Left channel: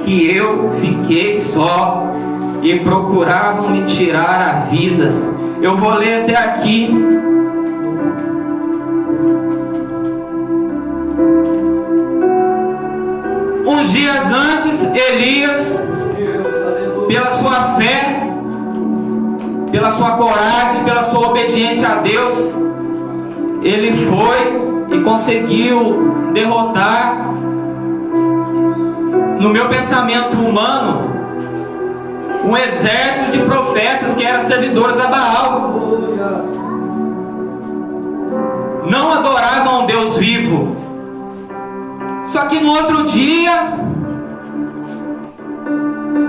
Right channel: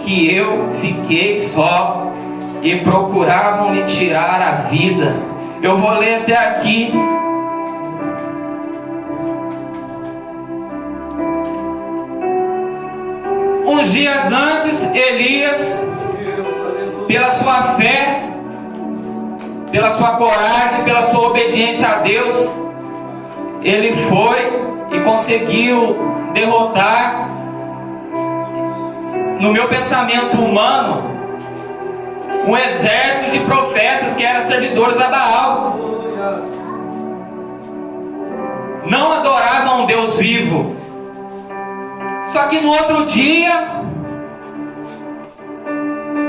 Que eu fiquei só e procuravam me tirar a vida. Eu vou ler até aqui. Uns dias antes, Elias, pela sua fé, pela sua coragem, pela sua obediência a Deus, ele foi e conseguiu derrotar, no meu pensamento humano, um exército de profetas que eram servidores a Baal. Não adoravam um Deus vivo. Só que no outro dia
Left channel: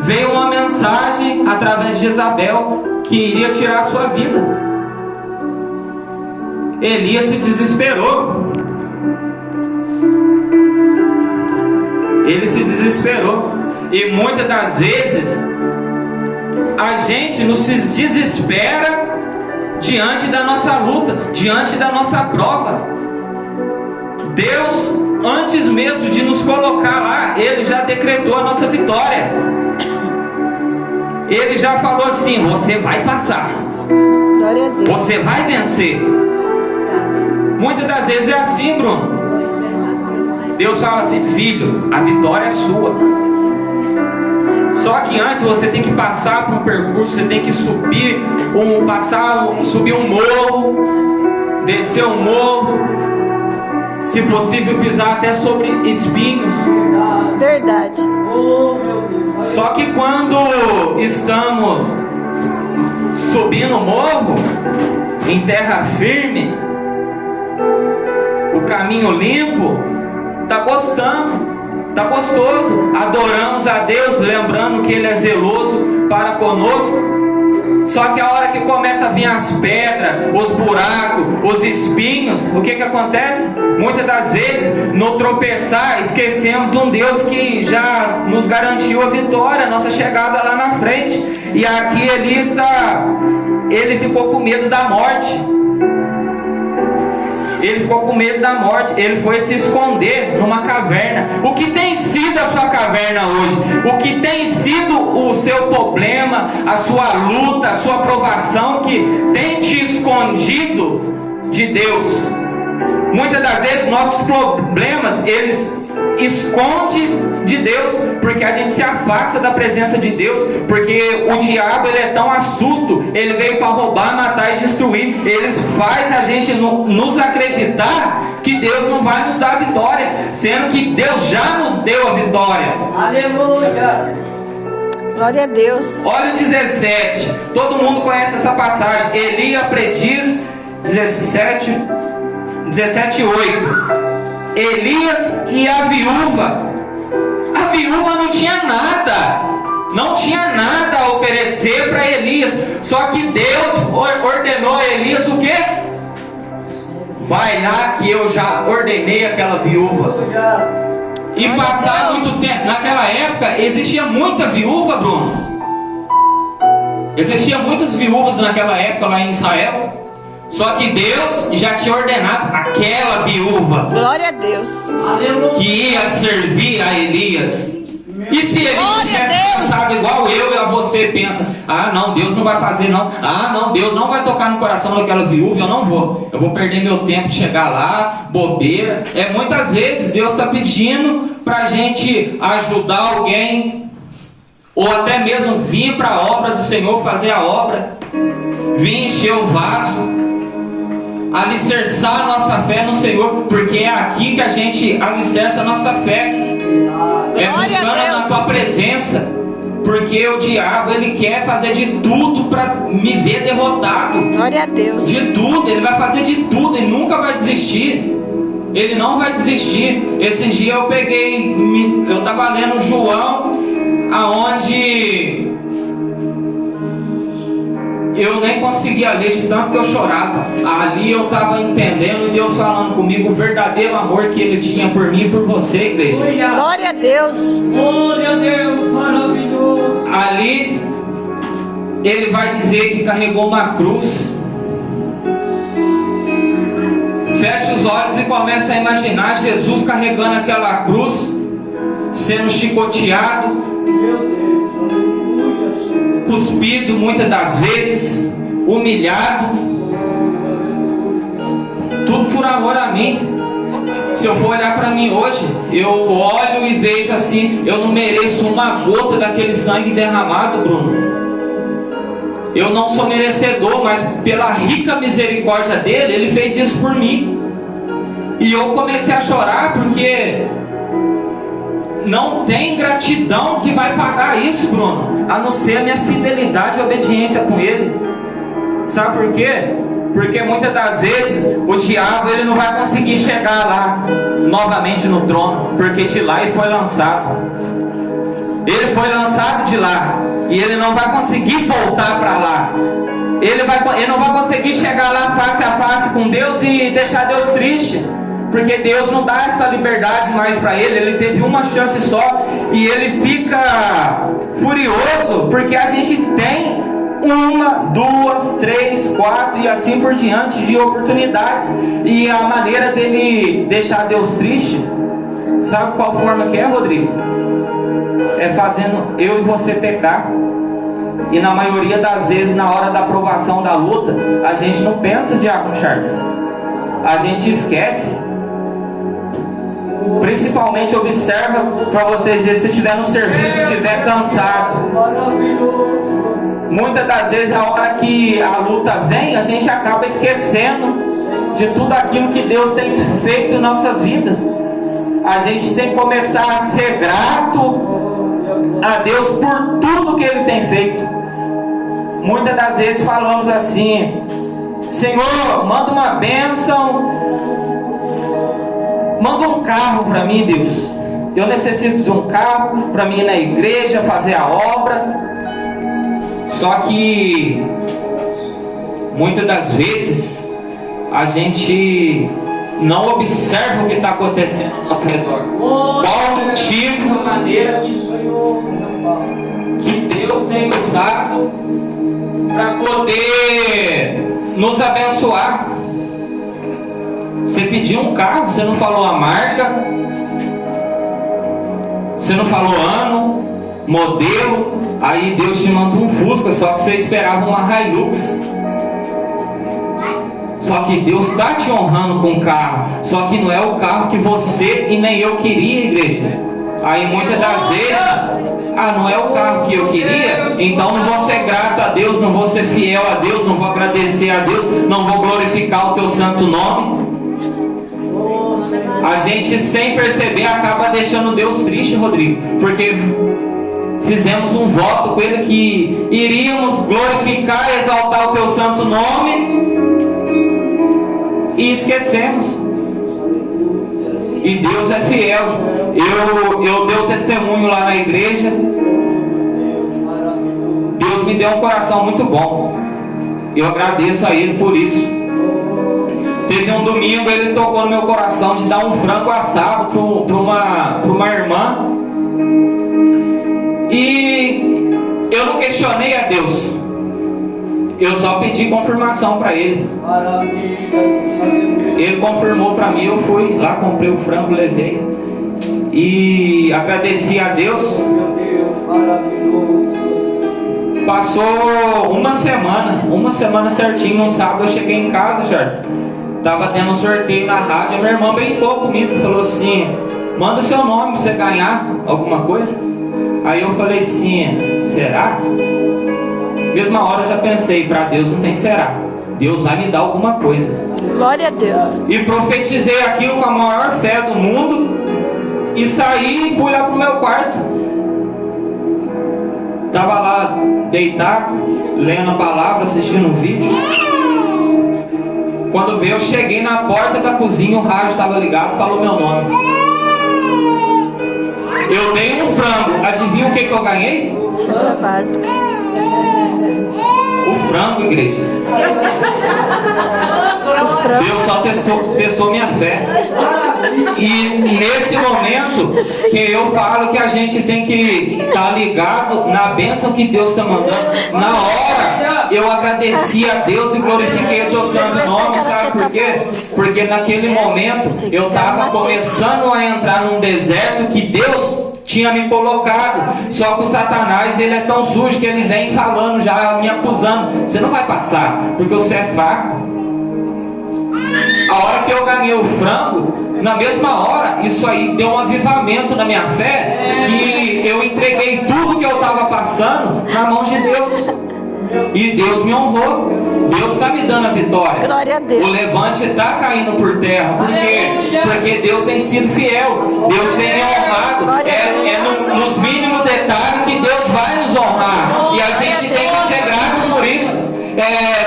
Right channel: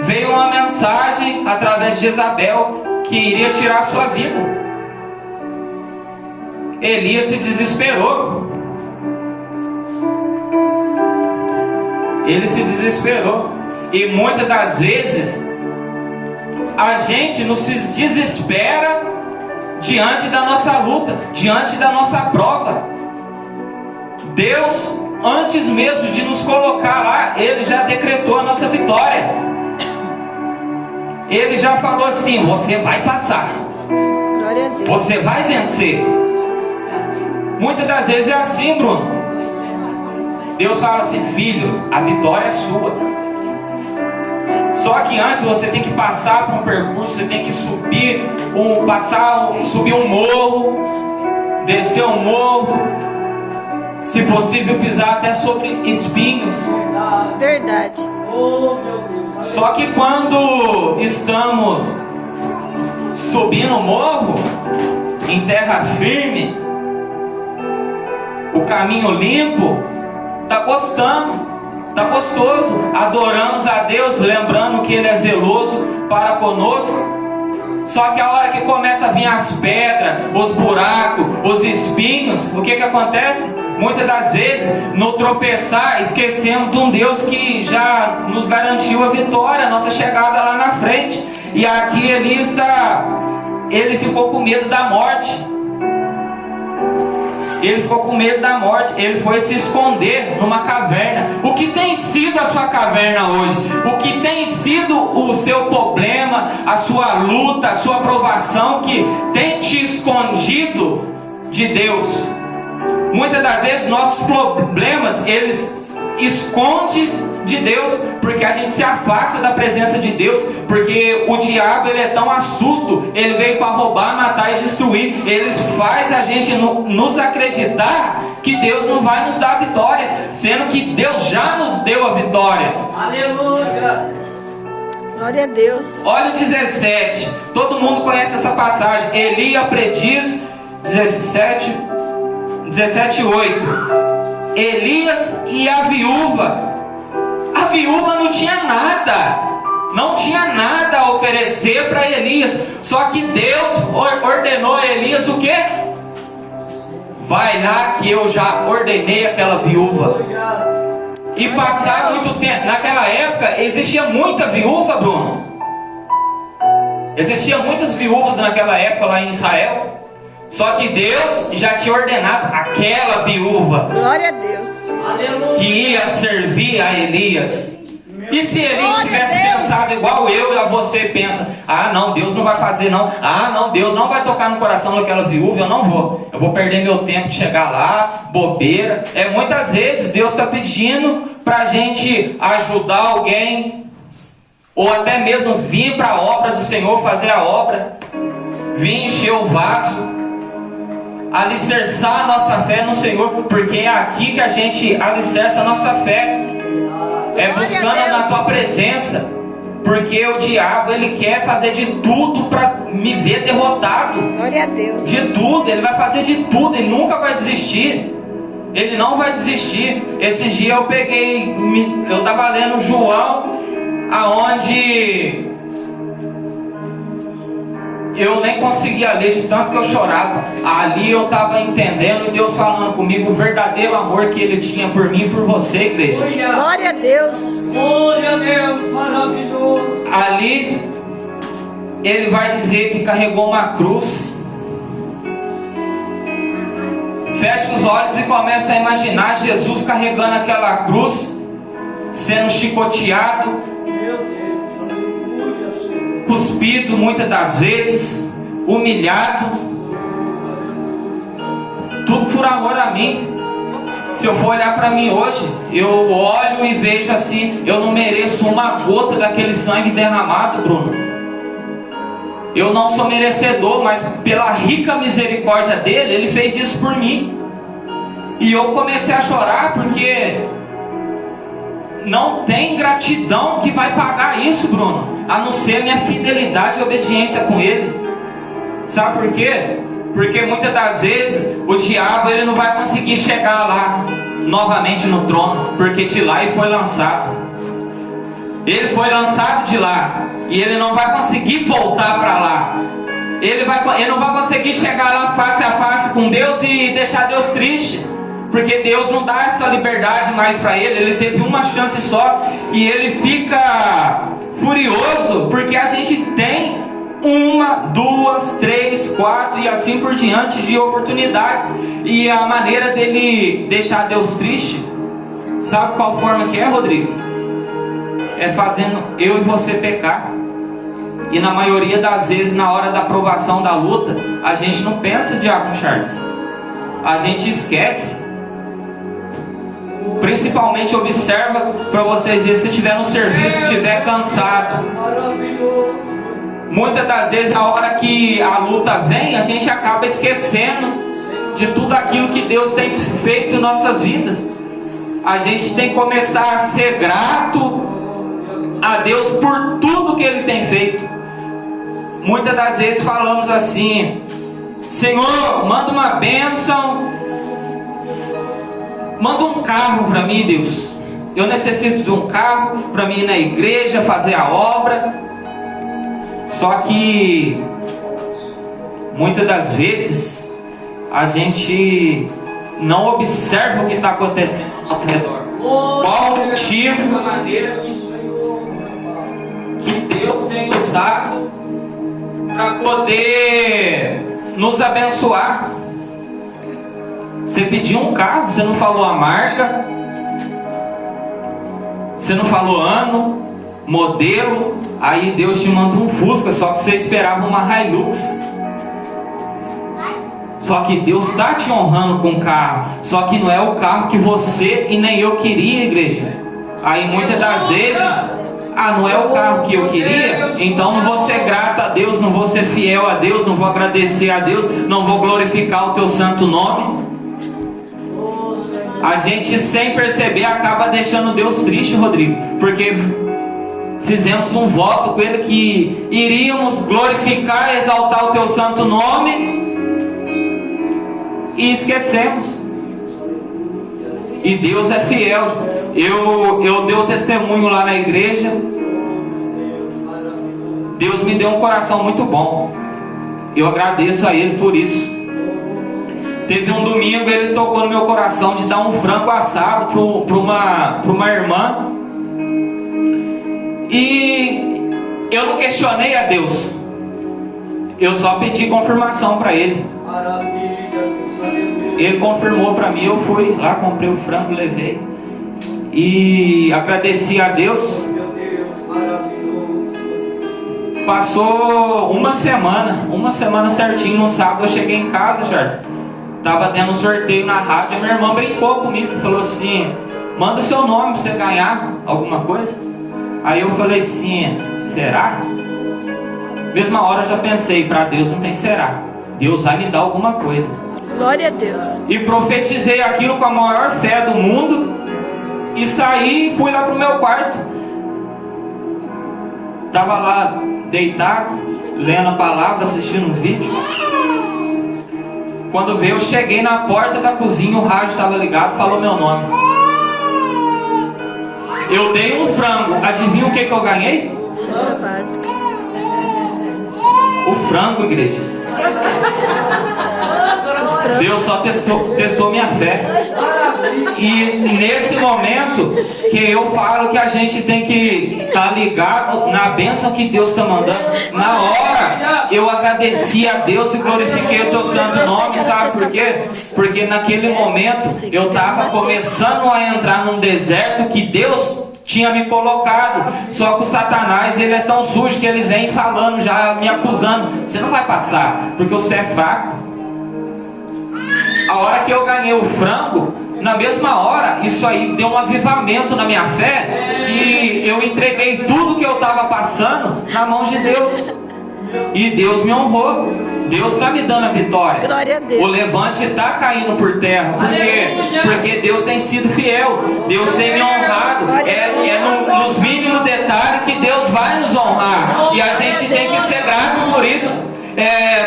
veio uma mensagem através de Jezabel que iria tirar a sua vida. Elias se desesperou. Ele se desesperou. E muitas das vezes a gente nos desespera diante da nossa luta, diante da nossa prova. Deus, antes mesmo de nos colocar lá, Ele já decretou a nossa vitória. Ele já falou assim: você vai passar, glória a Deus, você vai vencer. Muitas das vezes é assim, Bruno. Deus fala assim: filho, a vitória é sua. Só que antes você tem que passar por um percurso, você tem que subir um morro, descer um morro, se possível pisar até sobre espinhos. verdade. Só que quando estamos subindo o morro, em terra firme, o caminho limpo, tá gostoso, adoramos a Deus, lembrando que Ele é zeloso para conosco. Só que a hora que começa a vir as pedras, os buracos, os espinhos, o que acontece? Muitas das vezes, no tropeçar, esquecemos de um Deus que já nos garantiu a vitória, a nossa chegada lá na frente. E aqui ele ficou com medo da morte. Ele ficou com medo da morte. Ele foi se esconder numa caverna. O que tem sido a sua caverna hoje? O que tem sido o seu problema, a sua luta, a sua provação que tem te escondido de Deus? Muitas das vezes nossos problemas, eles escondem de Deus, porque a gente se afasta da presença de Deus, porque o diabo, ele é tão astuto, ele veio para roubar, matar e destruir. Ele faz a gente nos acreditar que Deus não vai nos dar a vitória, sendo que Deus já nos deu a vitória. Aleluia! Glória a Deus. Olha o 17, todo mundo conhece essa passagem. Elias prediz 17:8. Elias e a viúva. A viúva não tinha nada a oferecer para Elias. Só que Deus ordenou a Elias o quê? Vai lá que eu já ordenei aquela viúva. E passar muito tempo. Naquela época existia muita viúva, Bruno. Existia muitas viúvas naquela época lá em Israel. Só que Deus já tinha ordenado aquela viúva, glória a Deus, que ia servir a Elias. E se Elias tivesse pensado igual eu e a você pensa: ah não, Deus não vai fazer não, ah não, Deus não vai tocar no coração daquela viúva, eu vou perder meu tempo de chegar lá, bobeira. Muitas vezes Deus está pedindo para a gente ajudar alguém, ou até mesmo vir para a obra do Senhor, fazer a obra, vir encher o vaso, alicerçar a nossa fé no Senhor, porque é aqui que a gente alicerça a nossa fé, buscando na tua presença, porque o diabo, ele quer fazer de tudo para me ver derrotado. Glória a Deus. De tudo, ele vai fazer de tudo, ele nunca vai desistir, ele não vai desistir. Esses dias eu estava lendo João, aonde eu nem conseguia ler de tanto que eu chorava. Ali eu estava entendendo e Deus falando comigo o verdadeiro amor que Ele tinha por mim e por você, igreja. Glória a Deus. Glória a Deus, maravilhoso. Ali Ele vai dizer que carregou uma cruz. Fecha os olhos e começa a imaginar Jesus carregando aquela cruz, sendo chicoteado, Meu Deus, aleluia, Senhor. cuspido muitas das vezes, humilhado, tudo por amor a mim. Se eu for olhar para mim hoje, eu olho e vejo assim, eu não mereço uma gota daquele sangue derramado, Bruno. Eu não sou merecedor, mas pela rica misericórdia dele, ele fez isso por mim. E eu comecei a chorar porque não tem gratidão que vai pagar isso, Bruno, a não ser a minha fidelidade e obediência com ele. Sabe por quê? Porque muitas das vezes o diabo ele não vai conseguir chegar lá novamente no trono, porque de lá ele foi lançado. Ele foi lançado de lá e ele não vai conseguir voltar para lá. Ele não vai conseguir chegar lá face a face com Deus e deixar Deus triste, porque Deus não dá essa liberdade mais para ele. Ele teve uma chance só e ele fica furioso porque a gente tem 1, 2, 3, 4 e assim por diante de oportunidades. E a maneira dele deixar Deus triste, sabe qual forma que é, Rodrigo? É fazendo eu e você pecar. E na maioria das vezes, na hora da provação da luta, a gente não pensa, Diácono Charles, a gente esquece. Principalmente observa para vocês verem, se estiver no serviço, estiver cansado. Maravilhoso. Muitas das vezes, a hora que a luta vem, a gente acaba esquecendo de tudo aquilo que Deus tem feito em nossas vidas. A gente tem que começar a ser grato a Deus por tudo que Ele tem feito. Muitas das vezes falamos assim: Senhor, manda uma bênção, manda um carro para mim, Deus. Eu necessito de um carro para mim ir na igreja, fazer a obra. Só que muitas das vezes a gente não observa o que está acontecendo ao nosso redor. Qual o motivo, a maneira que Deus tem usado para poder nos abençoar. Você pediu um carro, você não falou a marca, você não falou ano, modelo, aí Deus te manda um Fusca, só que você esperava uma Hilux. Só que Deus está te honrando com o carro, só que não é o carro que você e nem eu queria, igreja. Aí muitas das vezes, não é o carro que eu queria, então não vou ser grato a Deus, não vou ser fiel a Deus, não vou agradecer a Deus, não vou glorificar o teu santo nome. A gente, sem perceber, acaba deixando Deus triste, Rodrigo, porque fizemos um voto com Ele que iríamos glorificar e exaltar o teu santo nome e esquecemos. E Deus é fiel. Eu dei o testemunho lá na igreja. Deus me deu um coração muito bom. Eu agradeço a Ele por isso. Teve um domingo, Ele tocou no meu coração de dar um frango assado para uma irmã. E eu não questionei a Deus, eu só pedi confirmação para Ele. Ele confirmou para mim, eu fui lá, comprei o frango, levei e agradeci a Deus. Passou uma semana certinho. No sábado eu cheguei em casa, Charles, tava tendo um sorteio na rádio. A minha irmã brincou comigo, falou assim: manda o seu nome para você ganhar alguma coisa. Aí eu falei assim: será? Mesma hora eu já pensei, para Deus não tem será, Deus vai me dar alguma coisa. Glória a Deus. E profetizei aquilo com a maior fé do mundo. E saí e fui lá pro meu quarto. Tava lá deitado, lendo a palavra, assistindo um vídeo. Quando veio, eu cheguei na porta da cozinha, o rádio estava ligado, falou meu nome. Eu dei um frango, adivinha o que eu ganhei? Cesta básica. O frango, igreja. Deus só testou minha fé. E nesse momento que eu falo que a gente tem que estar ligado na bênção que Deus está mandando. Na hora eu agradeci a Deus e glorifiquei o teu santo nome. Sabe por quê? Porque naquele momento eu estava começando a entrar num deserto que Deus tinha me colocado. Só que o Satanás, ele é tão sujo que ele vem falando já, me acusando: você não vai passar, porque você é fraco. A hora que eu ganhei o frango, na mesma hora, isso aí deu um avivamento na minha fé, que eu entreguei tudo que eu estava passando na mão de Deus. E Deus me honrou. Deus está me dando a vitória. Glória a Deus. O levante está caindo por terra. Por quê? Porque Deus tem sido fiel. Deus tem me honrado. É nos mínimos detalhes que Deus vai nos honrar. E a gente tem que ser grato por isso.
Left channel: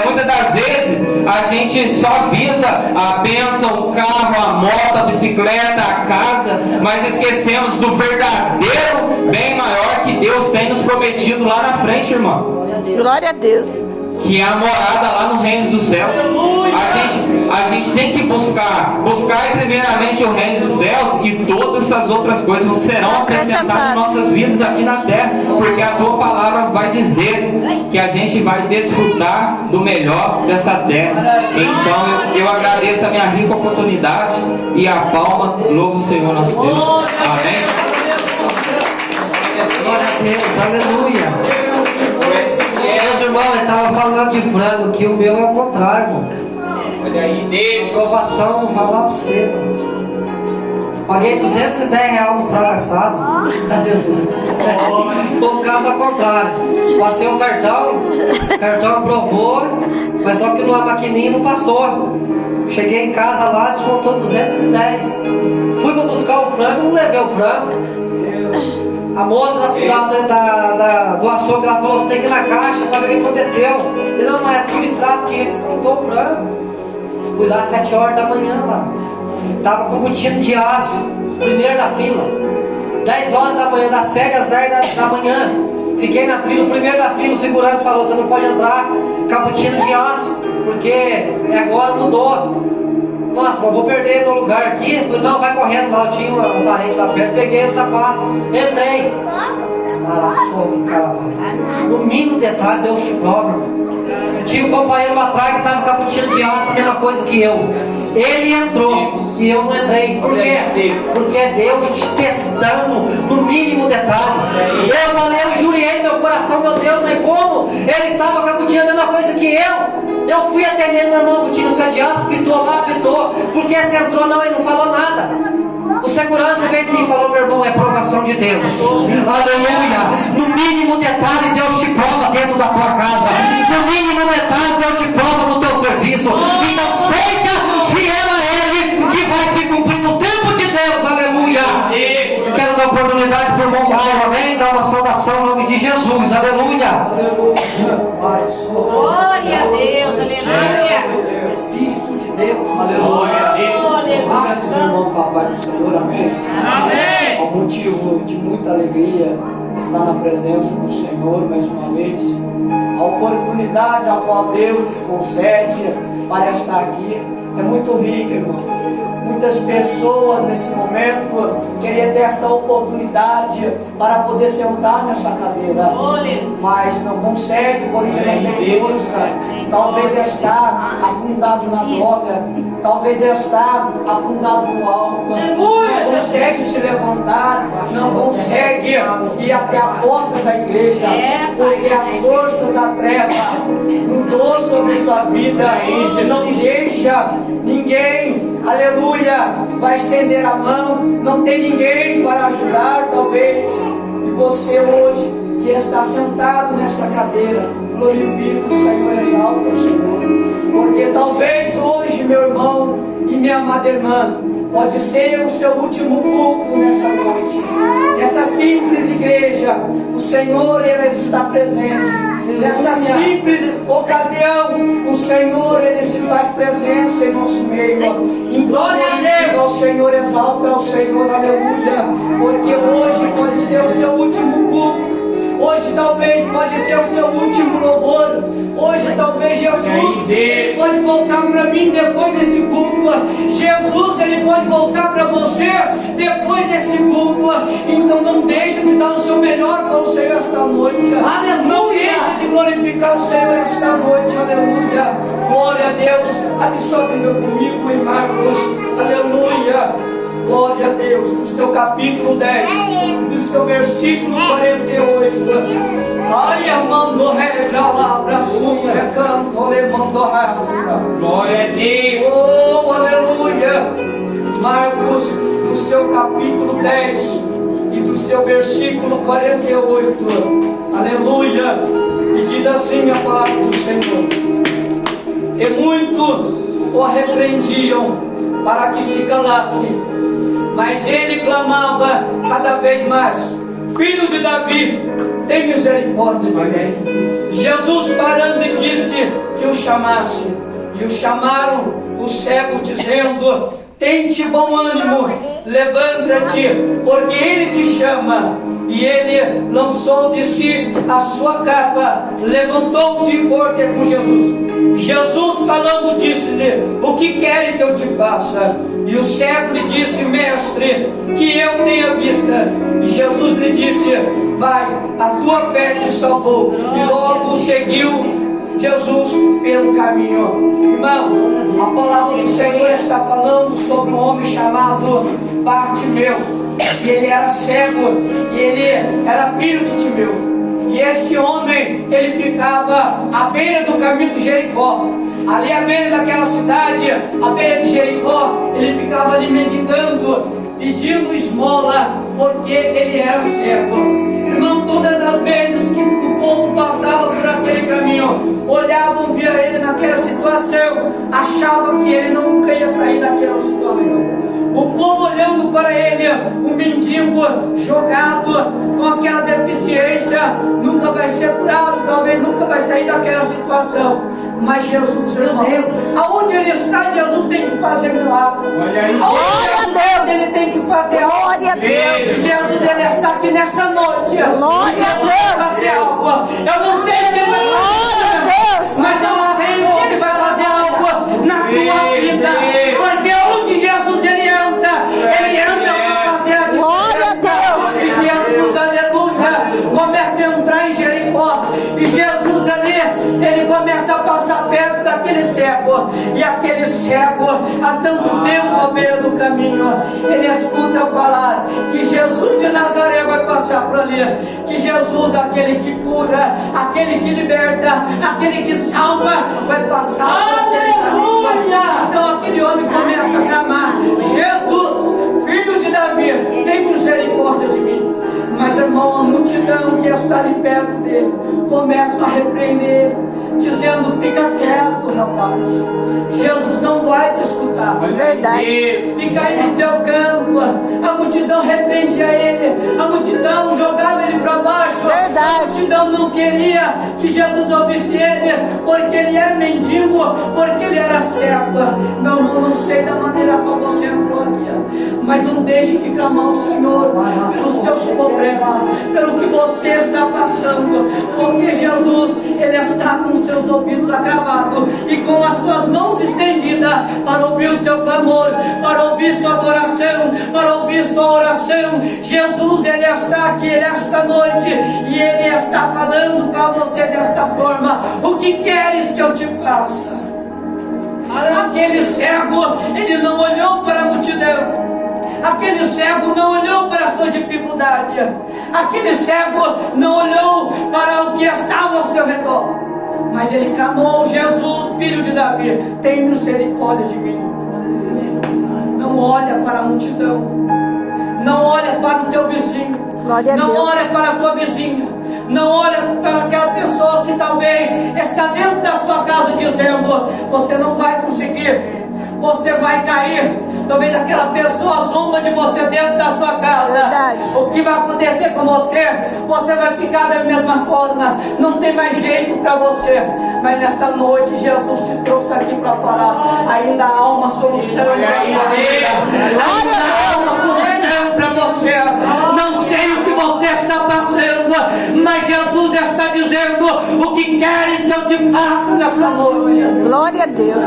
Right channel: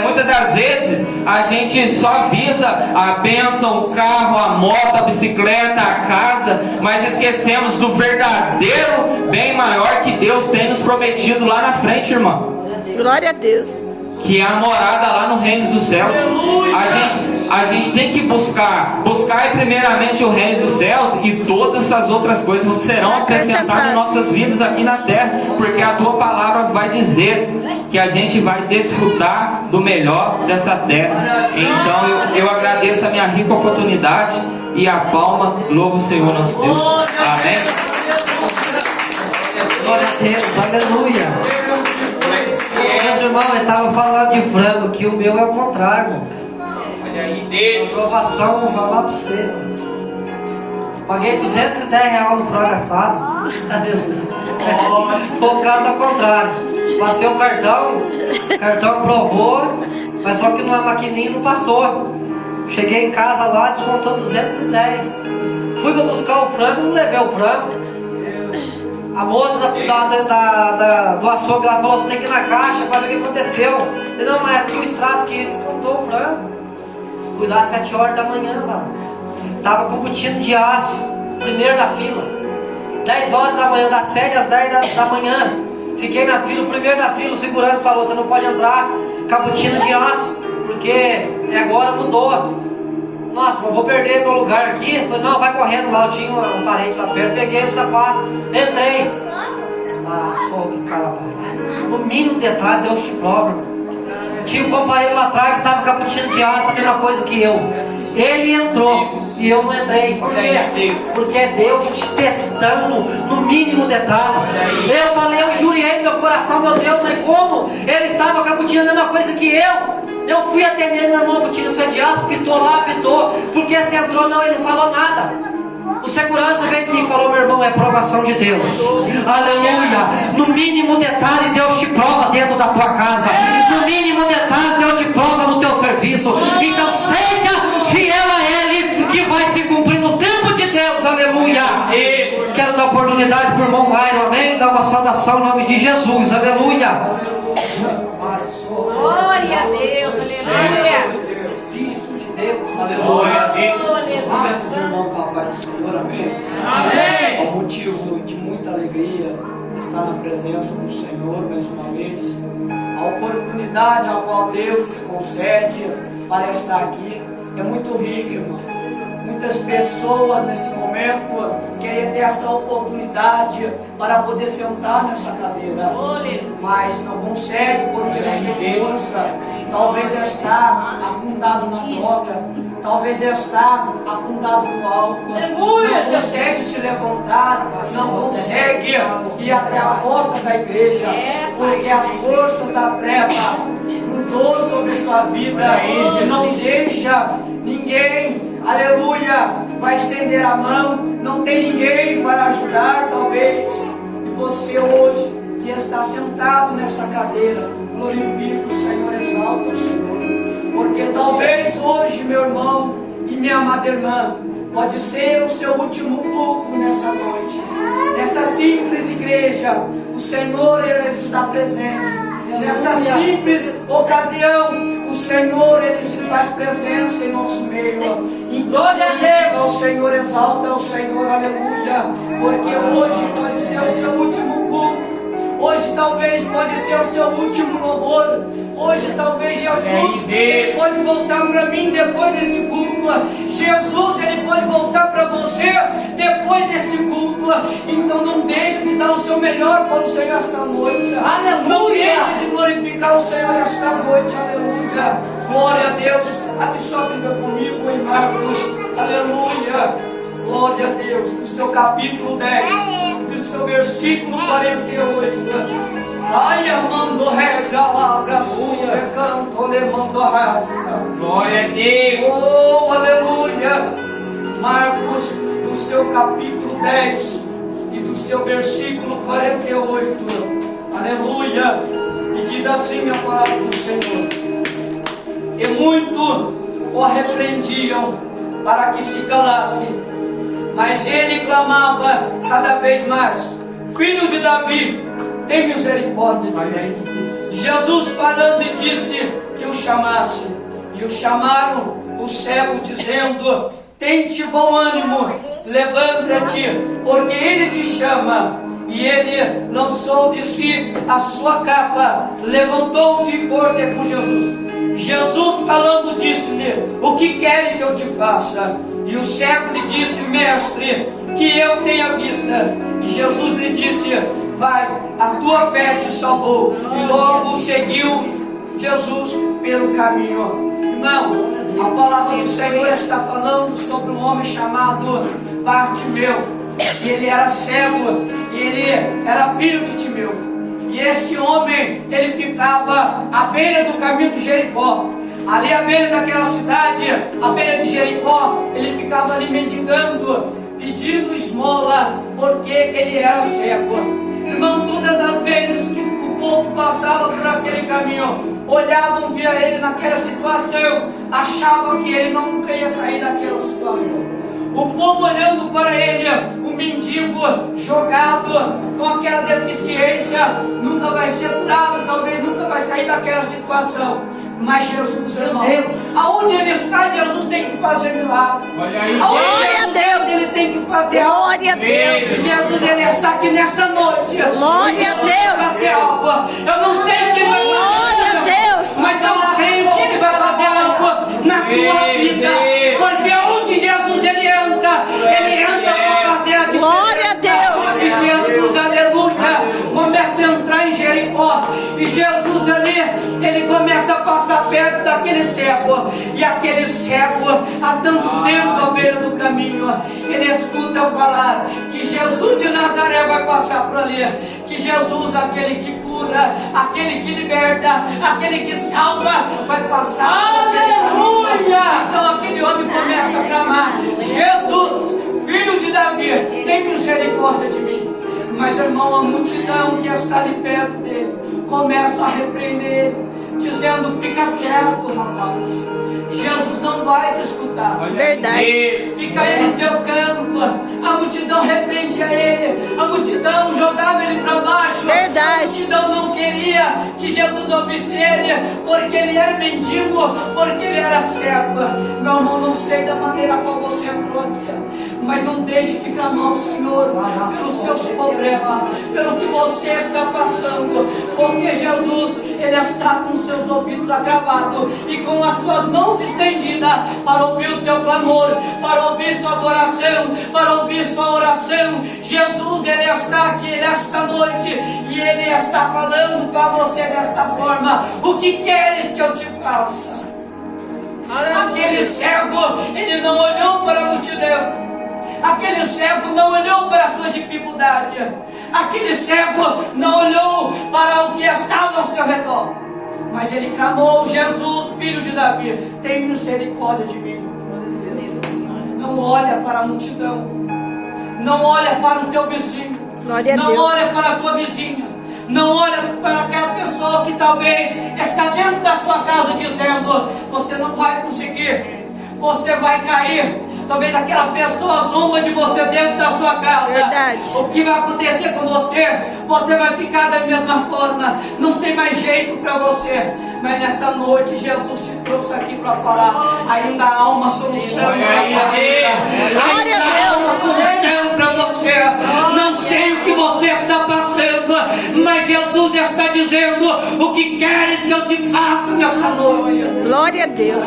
Muitas das vezes a gente só visa a bênção, o carro, a moto, a bicicleta, a casa, mas esquecemos do verdadeiro bem maior que Deus tem nos prometido lá na frente, irmão. Glória a Deus. Que é a morada lá no reino dos céus. A gente tem que buscar primeiramente o reino dos céus, e todas as outras coisas serão acrescentadas em nossas vidas aqui na terra, porque a tua palavra vai dizer que a gente vai desfrutar do melhor dessa terra. Então eu agradeço a minha rica oportunidade e a palma, louvo o Senhor nosso Deus. Amém. Glória a Deus, aleluia. Meus irmãos, eu estava falando de frango, que o meu é o contrário, irmão. Olha aí, Deus. Aprovação, vou falar para você, irmão. Paguei R$210 no frango assado. Foi o caso ao contrário. Passei o cartão aprovou, mas só que na maquininha não passou. Cheguei em casa lá, descontou 210. Fui para buscar o frango, não levei o frango. A moça do açougue, ela falou: você tem que ir na caixa para ver o que aconteceu. Eu não, mas aqui o extrato que descontou o frango. Fui lá às 7 horas da manhã, mano. Tava com o botina de aço, primeiro na fila. 10 horas da manhã, das 7 às 10 da manhã. Fiquei na fila, o primeiro da fila. O segurança falou: você não pode entrar com a botina de aço, porque agora mudou. Nossa, mas vou perder meu lugar aqui. Eu falei: não, vai correndo lá. Eu tinha um parente lá perto, peguei o sapato, entrei. No mínimo detalhe, Deus te prova, irmão. Tinha um companheiro lá atrás que estava com a botina de aço, a mesma coisa que eu. Ele entrou e eu não entrei. Por quê? Porque é Deus te testando no mínimo detalhe. Eu falei, eu jurei no meu coração: meu Deus, nem como? Ele estava com a botina a mesma coisa que eu. Eu fui atendendo, meu irmão, a botina sua de aço, pitou lá, pitou. Porque você entrou, não, ele não falou nada. O segurança veio de mim e falou: meu irmão, é provação de Deus. Aleluia. No mínimo detalhe, Deus te prova dentro da tua casa. No mínimo detalhe, Deus te prova no teu serviço. Então seja fiel a Ele, que vai se cumprir no tempo de Deus. Aleluia. Quero dar oportunidade para o irmão Lairo, amém? Dar uma saudação em nome de Jesus. Aleluia. Glória a Deus, aleluia. Espírito de Deus, Aleluia. Peço ao irmão papai do Senhor, amém. Amém. É um motivo de muita alegria estar na presença do Senhor mais uma vez. A oportunidade a qual Deus nos concede para estar aqui é muito rica, irmão. Muitas pessoas nesse momento queriam ter esta oportunidade para poder sentar nessa cadeira, mas não consegue porque não tem força. Talvez está afundado na droga, talvez está afundado no álcool, não consegue se levantar, não consegue ir até a porta da igreja, porque a força da treva grudou sobre sua vida, não deixa ninguém, aleluia, vai estender a mão, não tem ninguém para ajudar, talvez. E você hoje, que está sentado nessa cadeira, glorifica o Senhor, exalta o Senhor, porque talvez hoje, meu irmão e minha amada irmã, pode ser o seu último culto nessa noite, nessa simples igreja. O Senhor, Ele está presente. Nessa simples ocasião, o Senhor, Ele se faz presença em nosso meio. Em glória a Deus, ao Senhor, exalta ao Senhor, aleluia. Porque hoje pode ser o seu último culto. Hoje talvez pode ser o seu último louvor. Hoje talvez Jesus pode voltar para mim depois desse culto. Jesus, Ele pode voltar para você depois desse culto. Então não deixe de dar o seu melhor para o Senhor esta noite. Aleluia! Não deixe de glorificar o Senhor esta noite. Aleluia! Glória a Deus. Abre sua Bíblia comigo em Marcos. Aleluia! Glória a Deus. No seu capítulo 10. do seu versículo 48. Ai, amando regalabra sua recanto levando raça. Glória a Deus. Oh, aleluia. Marcos, do seu capítulo 10 e do seu versículo 48. Aleluia. E diz assim a palavra do Senhor: e muito o repreendiam para que se calasse, mas ele clamava cada vez mais: Filho de Davi, tem misericórdia de mim. Jesus, parando, e disse que o chamasse. E o chamaram o cego, dizendo: tente bom ânimo, levanta-te, porque ele te chama. E ele lançou de si a sua capa, levantou-se e foi ter com Jesus. Jesus, falando, disse-lhe: o que quer que eu te faça? E o cego lhe disse: mestre, que eu tenha vista. E Jesus lhe disse: vai, a tua fé te salvou. E logo seguiu Jesus pelo caminho. Irmão, a palavra do Senhor está falando sobre um homem chamado Bartimeu. E ele era cego, e ele era filho de Timeu. E este homem, ele ficava à beira do caminho de Jericó. Ali à beira daquela cidade, à beira de Jericó, ele ficava ali mendigando, pedindo esmola, porque ele era cego. Irmão, todas as vezes que o povo passava por aquele caminho, olhavam, via ele naquela situação, achavam que ele nunca ia sair daquela situação. O povo olhando para ele, o mendigo jogado com aquela deficiência, nunca vai ser curado, talvez nunca vai sair daquela situação. Mas Jesus, irmão, aonde ele está, Jesus tem que fazer milagre. Aonde Deus, ele tem que fazer algo. Glória a Deus. Jesus, ele está aqui nesta noite. Glória a Deus. Eu não sei o que ele vai fazer. Glória a Deus. Mas eu creio que ele vai fazer algo na tua vida. Porque onde Jesus ele entra para fazer a diferença. Glória a Deus. E Jesus, aleluia, começa a entrar em Jericó. E Jesus ali, ele começa a passar perto daquele cego. E aquele cego, há tanto tempo à beira do caminho, ele escuta falar que Jesus de Nazaré vai passar por ali. Que Jesus, aquele que cura, aquele que liberta, aquele que salva, vai passar por aquele caminho. Então aquele homem começa a clamar: Jesus, filho de Davi, tem misericórdia de mim. Mas, irmão, a multidão que está ali perto dele começa a repreender, dizendo: fica quieto, rapaz, Jesus não vai te escutar. Verdade. Fica aí no teu campo. A multidão repreendia ele, a multidão jogava ele para baixo. Verdade. A multidão não queria que Jesus ouvisse ele, porque ele era mendigo, porque ele era cego. Meu irmão, não sei da maneira qual você entrou aqui, mas não deixe de clamar ao Senhor pelos seus problemas, pelo que você está passando, porque Jesus, ele está com seus ouvidos agravados e com as suas mãos estendidas para ouvir o teu clamor, para ouvir sua adoração, para ouvir sua oração. Jesus, ele está aqui nesta noite e ele está falando para você desta forma: o que queres que eu te faça? Aquele cego, ele não olhou para a multidão. Aquele cego não olhou para a sua dificuldade. Aquele cego não olhou para o que estava ao seu redor. Mas ele clamou: Jesus, filho de Davi, tem misericórdia de mim. Não olha para a multidão. Não olha para o teu vizinho. Glória a não Deus. olha para a tua vizinha. Não olha para aquela pessoa que talvez está dentro da sua casa dizendo: você não vai conseguir, você vai cair. Talvez aquela pessoa zomba de você dentro da sua casa. Verdade. O que vai acontecer com você? Você vai ficar da mesma forma. Não tem mais jeito para você. Mas nessa noite Jesus te trouxe aqui para falar: ainda há uma solução para você. Ainda há uma solução para você. Não sei o que você está passando, mas Jesus está dizendo: o que queres que eu te faça nessa noite? Glória a Deus.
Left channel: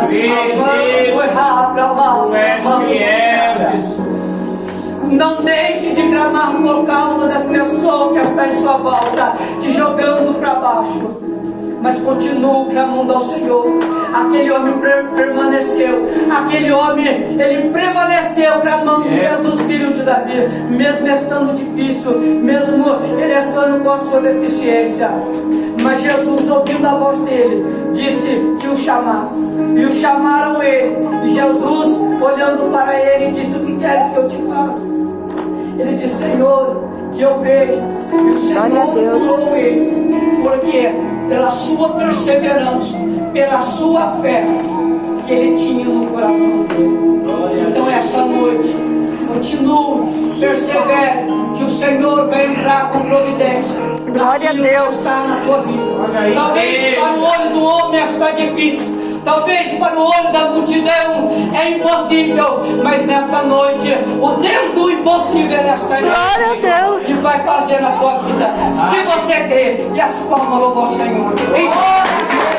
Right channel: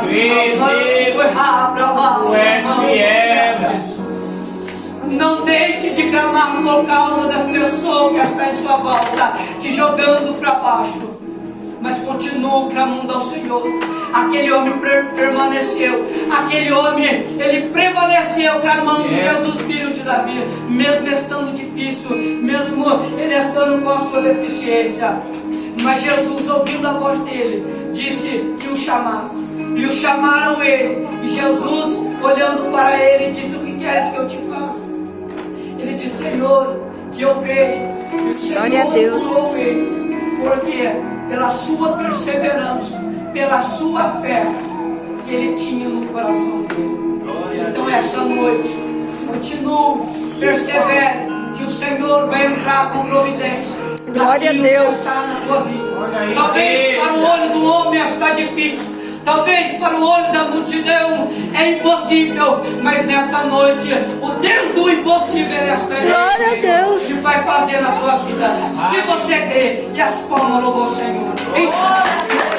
Não deixe de clamar por causa das pessoas que estão em sua volta, te jogando para baixo. mas continuo clamando ao Senhor. Aquele homem permaneceu, aquele homem, ele prevaleceu clamando Jesus, filho de Davi, mesmo estando difícil, mesmo ele estando com a sua deficiência. Mas Jesus, ouvindo a voz dele, disse que o chamasse, e o chamaram ele, e Jesus, olhando para ele, disse: o que queres que eu te faça? Ele disse: Senhor, que eu veja. E o Senhor curou ele, porque pela sua perseverança, pela sua fé que ele tinha no coração dele. Então essa noite, continue, persevere, que o Senhor vai entrar com providência. Glória a Deus. Que está na tua vida. Talvez para o olho do homem está difícil, talvez para o olho da multidão é impossível, mas nessa noite o Deus do impossível está em Glória a Deus. e vai fazer na tua vida, se você crer. E as palmas louvam o Senhor. Em nome de Jesus.